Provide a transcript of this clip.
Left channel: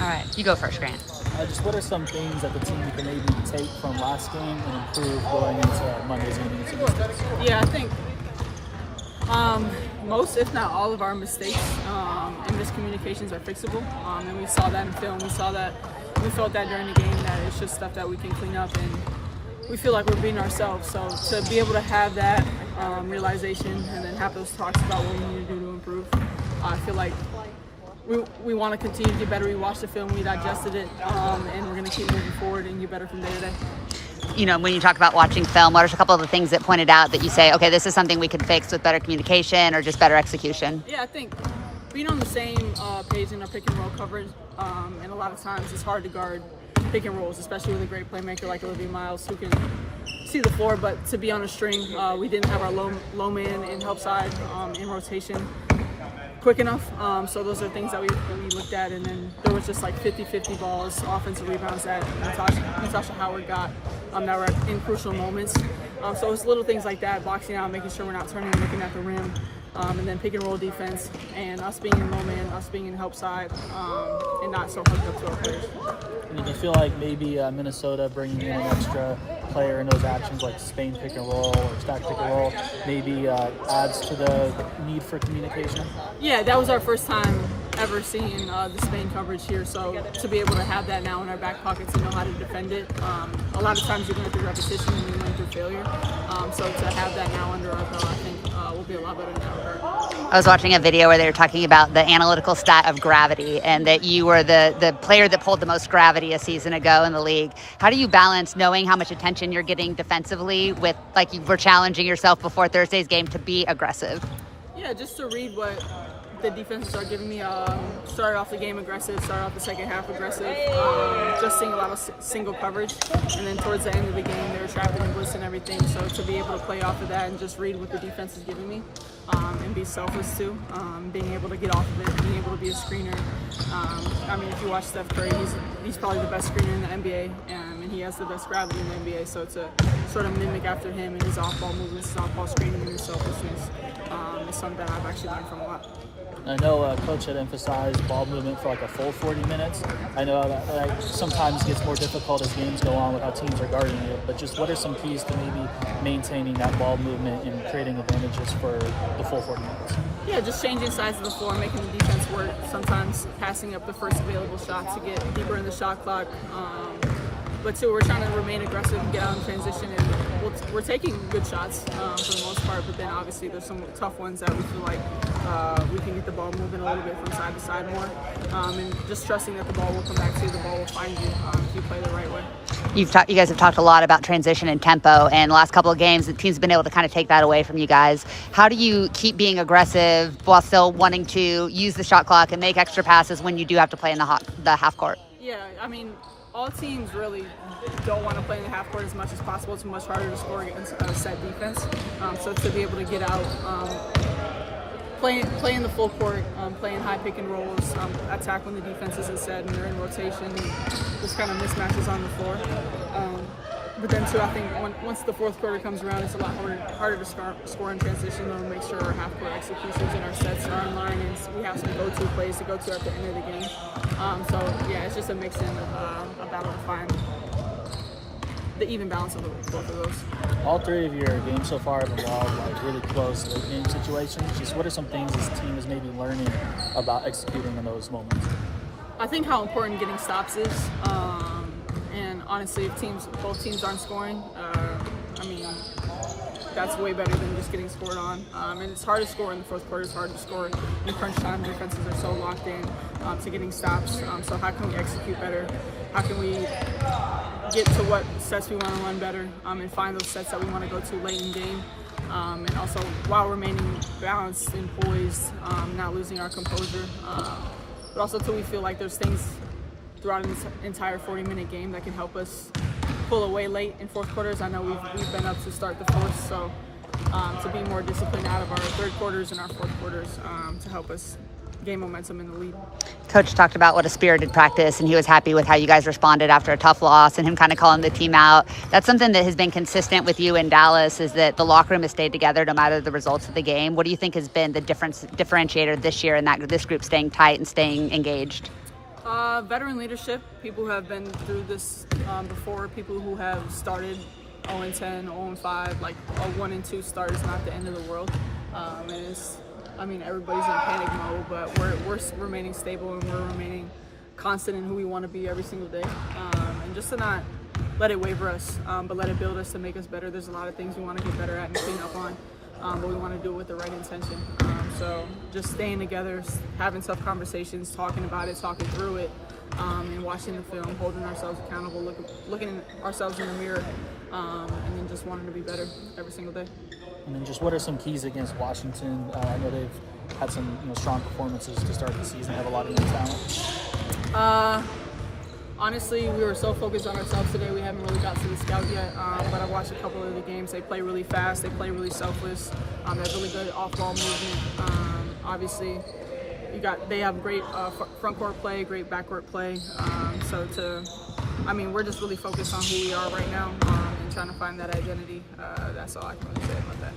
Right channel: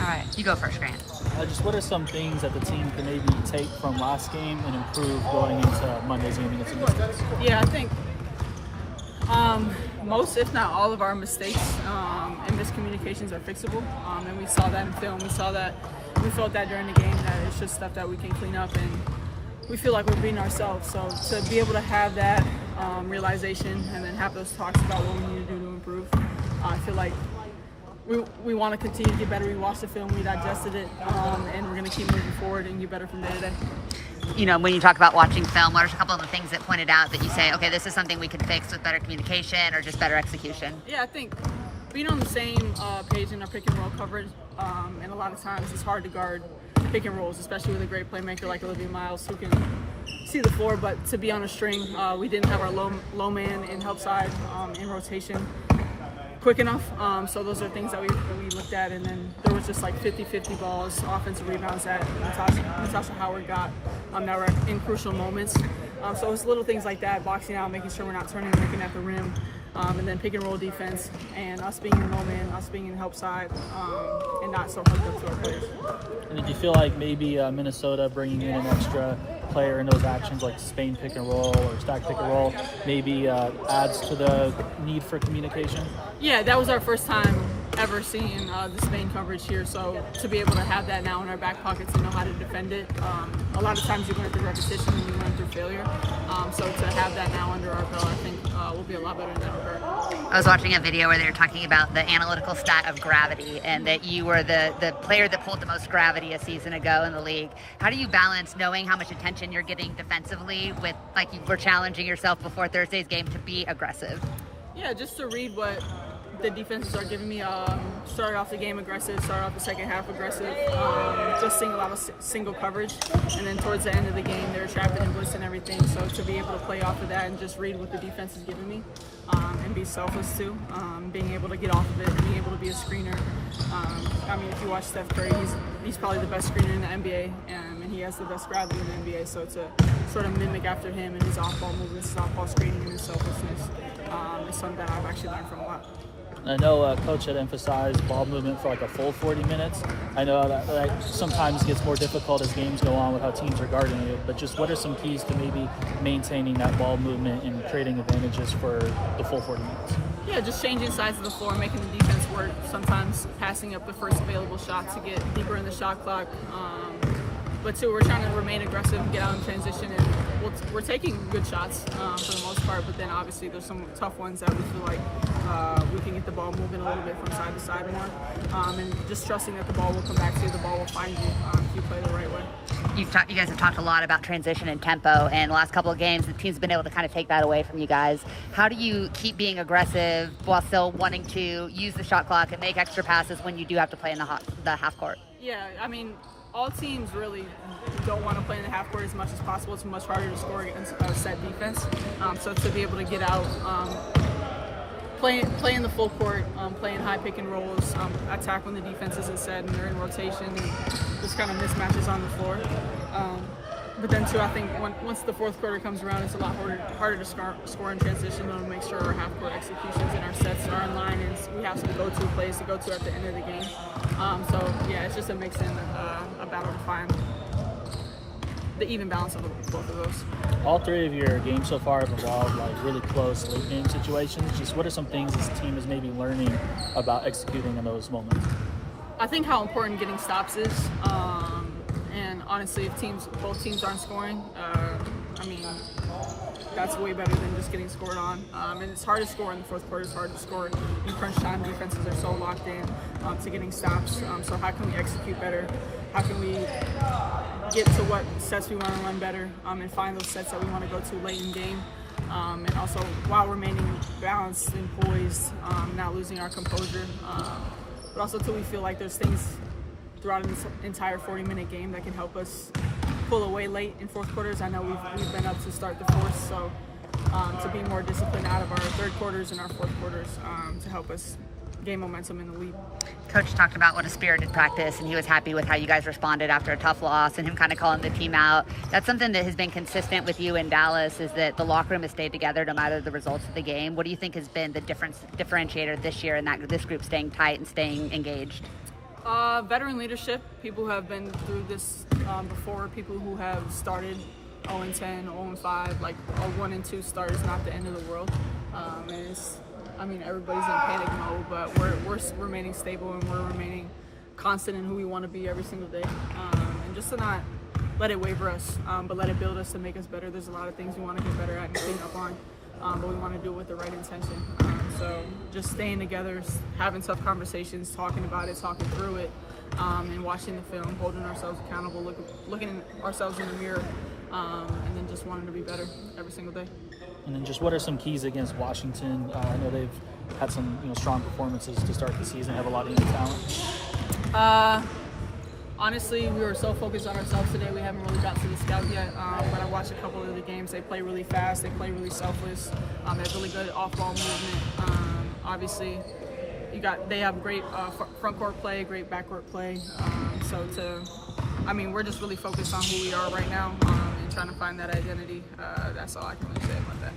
All right, you go first, Grant. Just what are some things that the team can maybe take from last game and improve going into Monday's game against the Mystics? Yeah, I think most, if not all, of our mistakes and miscommunications are fixable. And we saw that in film. We felt that during the game, that it's just stuff that we can clean up, and we feel like we're beating ourselves. So to be able to have that realization and then have those talks about what we need to do to improve, I feel like we want to continue to get better. We watched the film, we digested it, and we're going to keep moving forward and get better from day to day. You know, when you talk about watching film, what are a couple of the things that pointed out that you say, okay, this is something we could fix with better communication or just better execution? Yeah, I think being on the same page in our pick and roll coverage, and a lot of times it's hard to guard pick and rolls, especially with a great playmaker like Olivia Miles who can see the floor. But to be on a string, we didn't have our low man and help side in rotation quick enough. So those are things that we looked at, and then there was just like 50-50 balls, offensive rebounds that Natasha Howard got that were in crucial moments. So it's little things like that, boxing out, making sure we're not turning and looking at the rim, and then pick and roll defense, and us being in low man, us being in help side, and not so hooked up to our players. And if you feel like maybe Minnesota bringing in an extra player in those actions like Spain pick and roll or stack pick and roll maybe adds to the need for communication? Yeah, that was our first time ever seeing the Spain coverage here, so to be able to have that now in our back pockets and know how to defend it. A lot of times you learn through repetition and you learn through failure, so to have that now under our belt, I think we'll be a lot better in that regard. I was watching a video where they were talking about the analytical stat of gravity and that you were the player that pulled the most gravity a season ago in the league. How do you balance knowing how much attention you're getting defensively with, like, you were challenging yourself before Thursday's game to be aggressive? Yeah, just to read what the defenses are giving me. Started off the game aggressive, started off the second half aggressive, just seeing a lot of single coverage, and then towards the end of the game they were trapping and blitzing and everything, so to be able to play off of that and just read what the defense is giving me, and be selfless too, being able to get off of it, being able to be a screener. I mean, if you watch Steph Curry, he's probably the best screener in the NBA, and he has the best gravity in the NBA, so to sort of mimic after him and his off-ball movements, his off-ball screening, and his selflessness is something that I've actually learned from a lot. I know Coach had emphasized ball movement for like a full 40 minutes. I know that sometimes gets more difficult as games go on with how teams are guarding it, but just what are some keys to maybe maintaining that ball movement and creating advantages for the full 40 minutes? Yeah, just changing sides of the floor, making the defense work, sometimes passing up the first available shot to get deeper in the shot clock. But two, we're trying to remain aggressive and get out in transition, and we're taking good shots for the most part, but then obviously there's some tough ones that we feel like we can get the ball moving a little bit from side to side more, and just trusting that the ball will come back to you, the ball will find you if you play the right way. You guys have talked a lot about transition and tempo, and the last couple of games the team's been able to kind of take that away from you guys. How do you keep being aggressive while still wanting to use the shot clock and make extra passes when you do have to play in the half court? Yeah, I mean, all teams really don't want to play in the half court as much as possible. It's much harder to score against a set defense. So to be able to get out, play in the full court, play in high pick and rolls, attack when the defense isn't set and they're in rotation, and just kind of mismatches on the floor. But then too, I think once the fourth quarter comes around, it's a lot harder to score in transition, and make sure our half court executions and our sets are in line, and we have some go-to plays to go to at the end of the game. So yeah, it's just a mix in a battle to find the even balance of both of those. All three of your games so far have involved like really close late game situations. Just what are some things this team is maybe learning about executing in those moments? I think how important getting stops is. And honestly, if both teams aren't scoring, I mean, that's way better than just getting scored on. And it's hard to score in the fourth quarter. It's hard to score in crunch time. Defenses are so locked in to getting stops. So how can we execute better? How can we get to what sets we want to run better, and find those sets that we want to go to late in game? And also while remaining balanced and poised, not losing our composure. But also till we feel like there's things throughout an entire 40-minute game that can help us pull away late in fourth quarters. I know we've been up to start the fourth, so to be more disciplined out of our third quarters and our fourth quarters to help us gain momentum in the lead. Coach talked about what a spirited practice, and he was happy with how you guys responded after a tough loss and him kind of calling the team out. That's something that has been consistent with you in Dallas, is that the locker room has stayed together no matter the results of the game. What do you think has been the differentiator this year in that this group staying tight and staying engaged? Veteran leadership, people who have been through this before, people who have started 0-10, 0-5, like a 1-2 start is not the end of the world. And it's, I mean, everybody's in panic mode, but we're remaining stable and we're remaining constant in who we want to be every single day. And just to not let it waver us, but let it build us to make us better. There's a lot of things we want to get better at and clean up on, but we want to do it with the right intention. So just staying together, having tough conversations, talking about it, talking through it, and watching the film, holding ourselves accountable, looking at ourselves in the mirror, and then just wanting to be better every single day. And then just what are some keys against Washington? I know they've had some strong performances to start the season, had a lot of young talent. Honestly, we were so focused on ourselves today, we haven't really got to the scout yet. But I watched a couple of the games. They play really fast. They play really selfless. They have really good off-ball movement. Obviously, they have great front court play, great backcourt play. We're just really focused on who we are right now and trying to find that identity. That's all I can really say about that.